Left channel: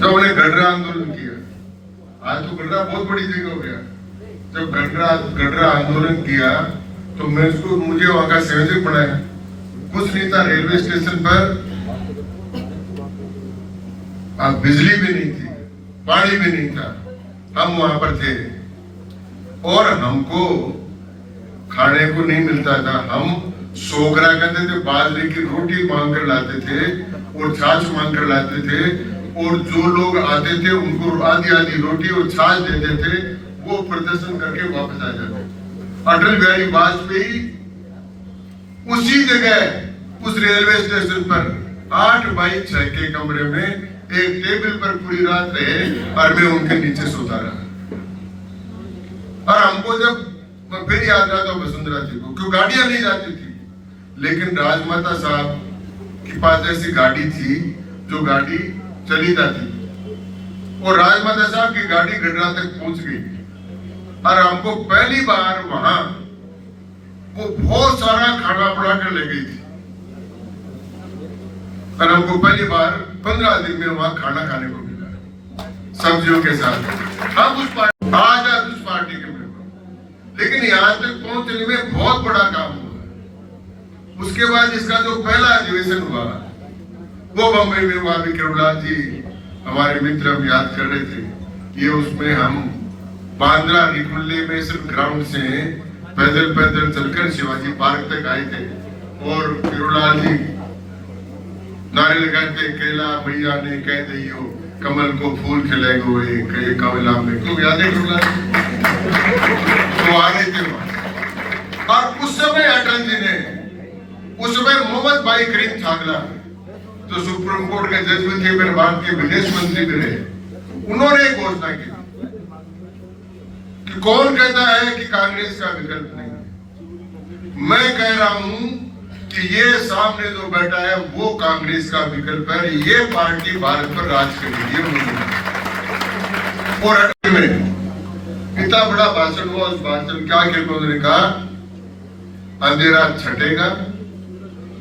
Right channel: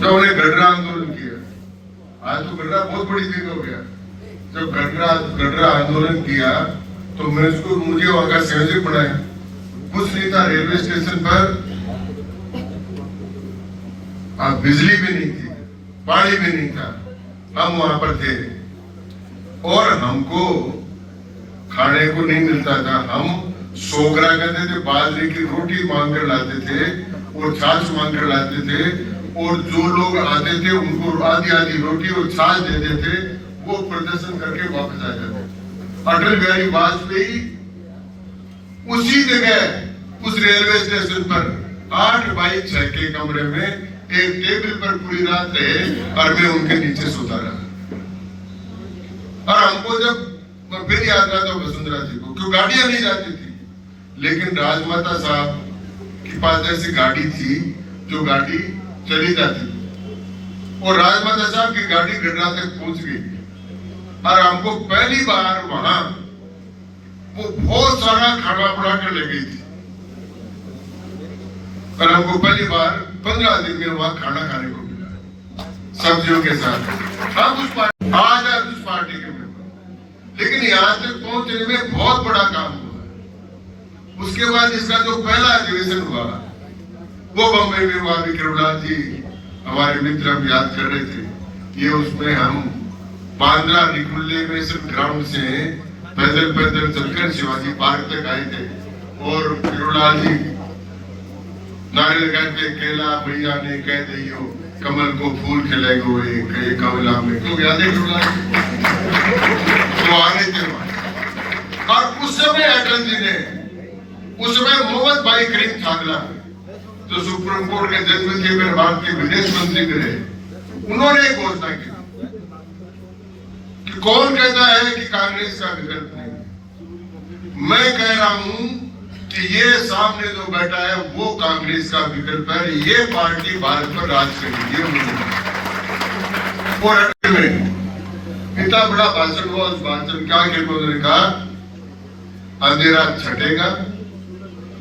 जब उन्हें गडरा आंदोलन किया, आज तो गडरा बहुत बड़ी जगह हो गया। जब गडरा आंदोलन किया तो मुझे वहां का संयोजक बनाया। कुछ नहीं था, रेलवे स्टेशन पर बिजली भी नहीं थी, पानी भी नहीं था, हम वहां पर थे और हमको खाने को नहीं मिलता था। हम सोगरा कहते थे, बाजरे की रोटी मांग कर लाते थे और छाछ मांग कर लाते थे, और जो लोग आते थे उनको आधी आधी रोटी और छाछ देते थे, वो प्रदर्शन करके वापस आ जाते। अटल बिहारी वाजपेयी उसी जगह उस रेलवे स्टेशन पर 8x6 के कमरे में एक टेबल पर पूरी रात रहे और मैं उनके नीचे सोता रहा। और हमको जब फिर याद आता वसुंधरा जी को, क्यों गाड़ियां नहीं जाती थी, लेकिन राजमाता साहब के पास ऐसी गाड़ी थी जो गाड़ी चली जाती, और राजमाता साहब की गाड़ी गडरा तक पहुंच गई और हमको पहली बार वहां वो बहुत सारा खाना पड़ा कर ले गई थी और हमको पहली बार 15 दिन में वहां खाना खाने को मिला सब्जियों के साथ। हम उस पार्टी के मेंबर, लेकिन यहाँ तक पहुंचने में बहुत बड़ा काम हुआ। उसके बाद इसका जो पहला अधिवेशन हुआ वो बम्बई में हुआ। विक्रमलाल जी हमारे मित्र हम याद कर रहे थे, ये उसमें हम बांद्रा निकुल्ले में सिर्फ ग्राउंड से पैदल चलकर शिवाजी पार्क तक आए थे, और विक्रमलाल जी नारे लगाते, केला भैया ने कह दियो कमल को फूल खिलाएगो एक कमला में, तो याद है विक्रमलाल तो आ रहे थे वहां। और उस समय अटल जी ने, उस समय मोहम्मद भाई करीम छागला जो सुप्रीम कोर्ट के जज थे, मेरे भारत के विदेश मंत्री भी रहे, उन्होंने एक घोषणा की कि कौन कहता है कि कांग्रेस का विकल्प नहीं। मैं कह रहा हूं कि ये सामने जो बैठा है वो कांग्रेस का विकल्प है, ये पार्टी भारत पर राज करेगी। और अटल में इतना बड़ा भाषण हुआ, उस भाषण क्या उन्होंने कहा, अंधेरा छटेगा,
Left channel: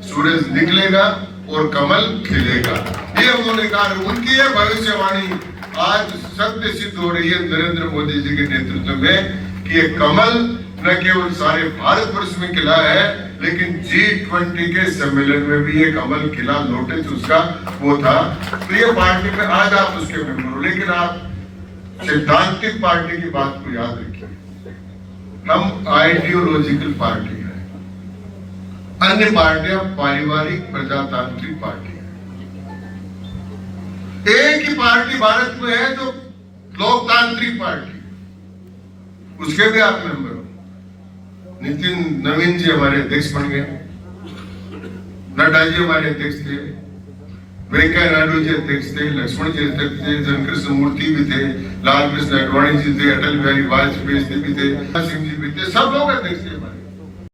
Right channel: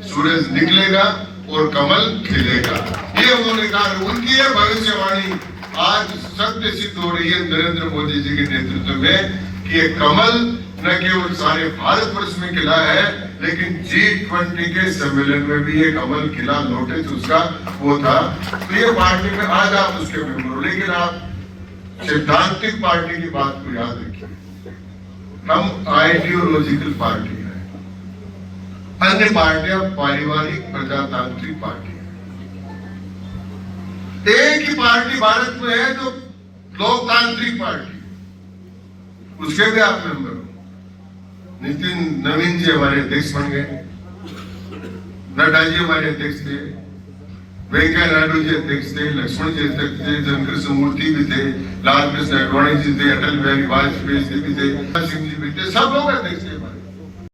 सूरज निकलेगा और कमल खिलेगा, ये उन्होंने कहा। उनकी यह भविष्यवाणी आज सत्य सिद्ध हो रही है नरेंद्र मोदी जी के नेतृत्व में कि ये कमल न केवल सारे भारत वर्ष में खिला है, लेकिन G20 के सम्मेलन में भी ये कमल खिला, नोटिस उसका वो था। तो ये पार्टी में आज आप उसके मेंबर हो, लेकिन आप सिद्धांतिक पार्टी की बात को याद रखिए, हम आइडियोलॉजिकल पार्टी है, अन्य पार्टियां पारिवारिक प्रजातांत्रिक पार्टी है। एक ही पार्टी भारत में है जो लोकतांत्रिक पार्टी, उसके भी आप मेंबर हो। नितिन नवीन जी हमारे अध्यक्ष बन गए, नड्डा जी हमारे अध्यक्ष थे, वेंकैया नायडू जी अध्यक्ष थे, लक्ष्मण जी अध्यक्ष थे, जनकृष्ण मूर्ति भी थे, लाल कृष्ण आडवाणी जी थे, अटल बिहारी वाजपेयी जी भी थे, सिंह जी भी थे, सब लोग अध्यक्ष थे हमारे।